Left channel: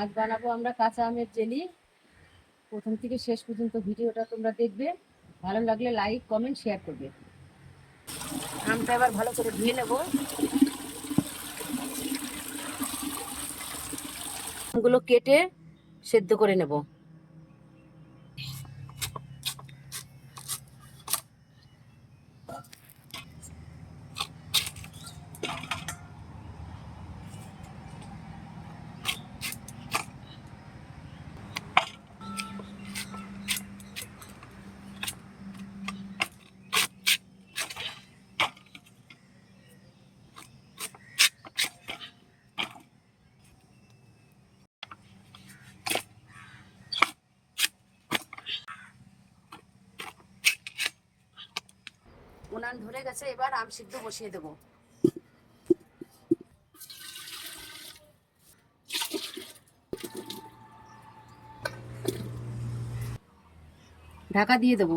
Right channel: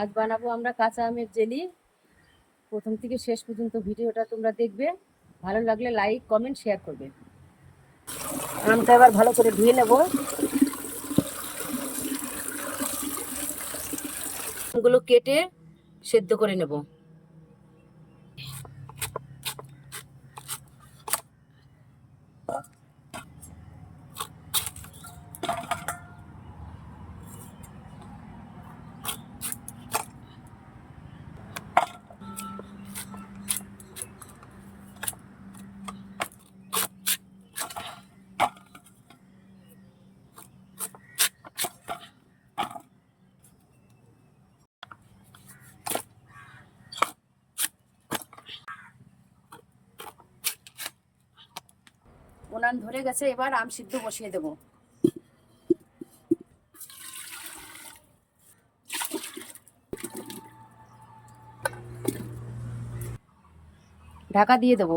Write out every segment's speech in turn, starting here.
আজ বানাবো আমরা কাঁচা আমের জেলি। প্রথম থেকে শেষ পর্যন্ত ভিডিওটা তোমরা দেখবে, ভালো লাগলে লাইক কমেন্ট শেয়ার করবে। আমটা এবার ভালো করে ধুয়ে নেব, আমগুলো কেটে সেদ্ধ করে নেব। উনান ধরে গেছে, এবার আম সিদ্ধ বসিয়ে দেব। ঢাকা দিয়ে দেব।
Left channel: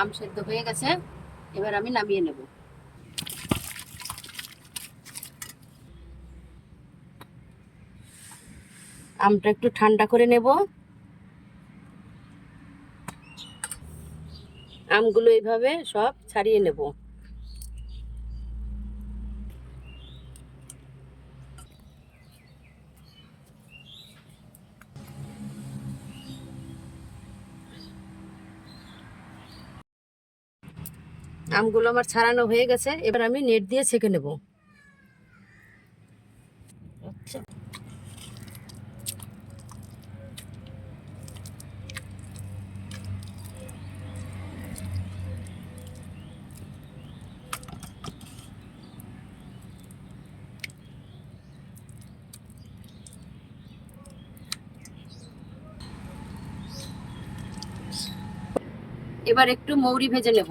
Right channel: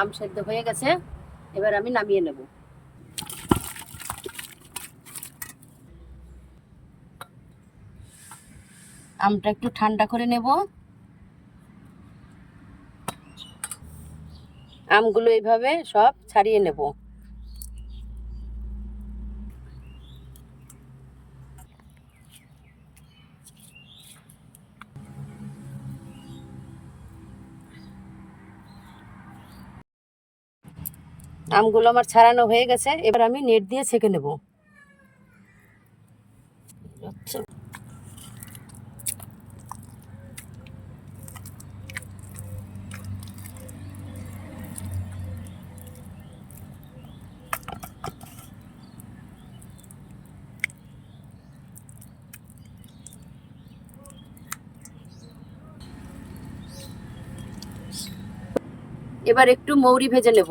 আম সেদ্ধ হয়ে গেছে, এবার আমি নামিয়ে নেব। আমটা একটু ঠান্ডা করে নেব। আমগুলো এইভাবে সব ছাড়িয়ে নেব। আমগুলো আমার ছাড়ানো হয়ে গেছে, এবার আমি নেট দিয়ে ছেঁকে নেব। এবার একটু মৌরি ভেজে নেব।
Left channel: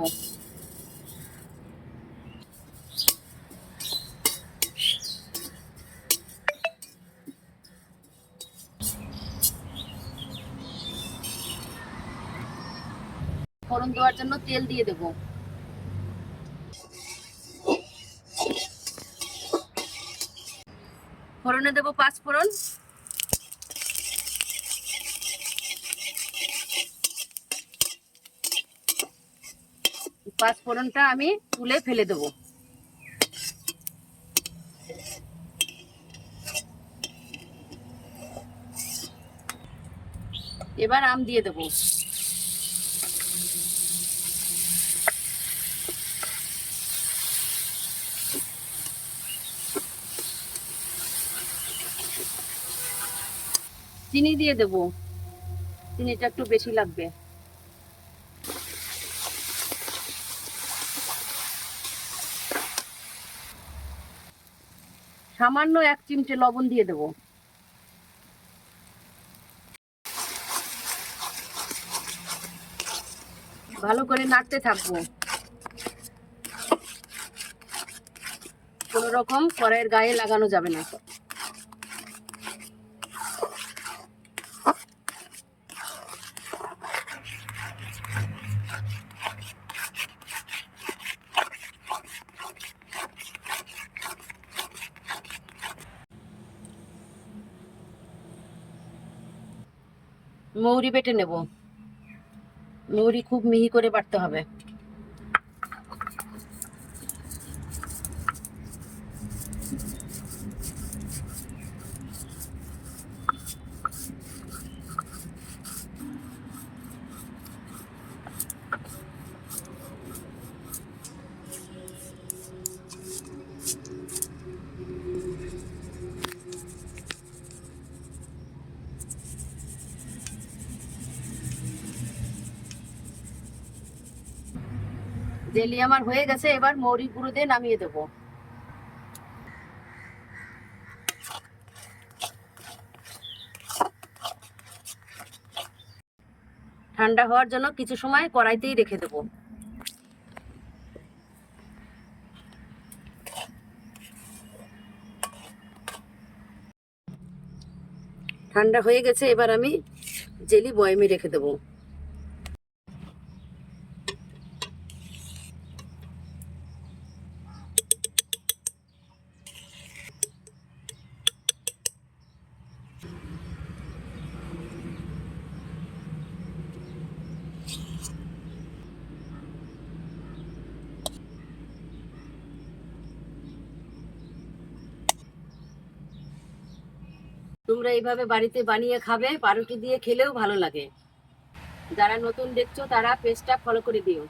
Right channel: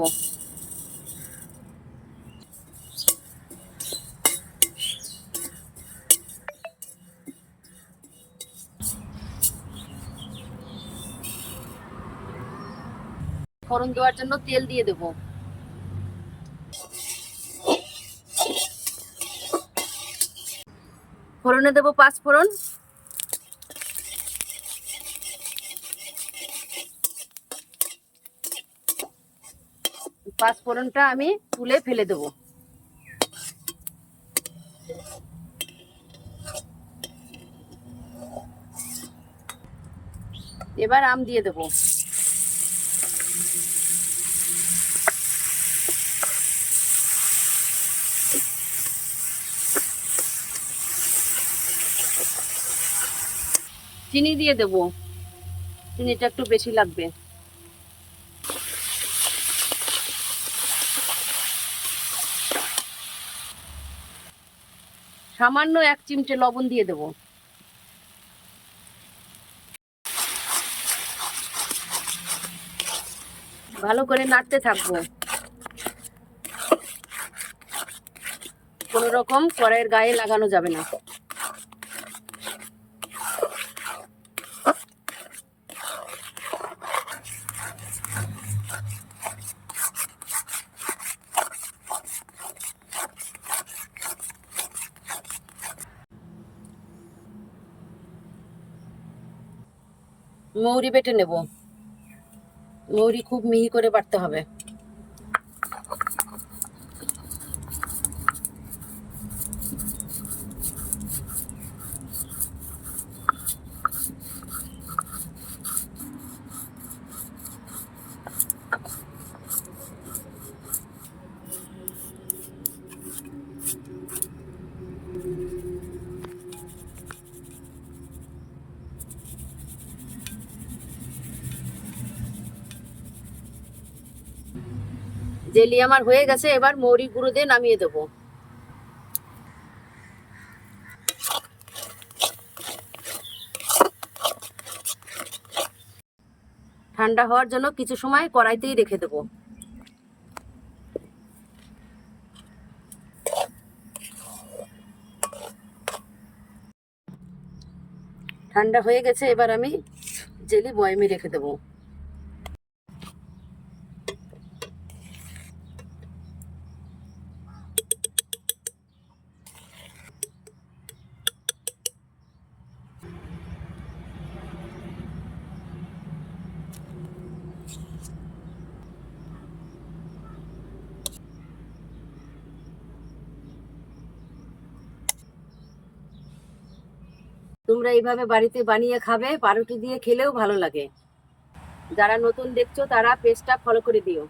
ফোড়ন দেওয়ার জন্য তেল দিয়ে দেব। ফোড়নে দেব 5 ফোড়ন। পাঁচ ফোড়নটা আমি তুলে ফেলে দেব। এবার আম দিয়ে দেব। চিনি দিয়ে দেব, চিনিটা একটু বেশি লাগবে। সামান্য 1 চিমটে লবণ দিয়ে দেব। ভালো করে নাড়তে থাকবো, কোনো রকম কড়াইয়ের গায়ে লাগানো যাবে না। মৌরি বেটে নেব। মৌরি খুব মিহি করে বাটতে হবে। জেলি আমার হয়ে গেছে, এবার মৌরি গুঁড়ো দিয়ে নামিয়ে দেব। ঠান্ডা হওয়ার জন্য কিছু সময় কড়াইতেই রেখে দেব। ঠান্ডা হয়ে গেছে, এবার আমি জেলি বয়ামে রেখে দেব। তোমরা এইভাবে বাড়িতে বানিয়ে খাবে, পাউরুটি দিয়ে খেলেও ভালো লাগে। যারা নতুন দেখছো তারা পেজটা ফলো করে দিও।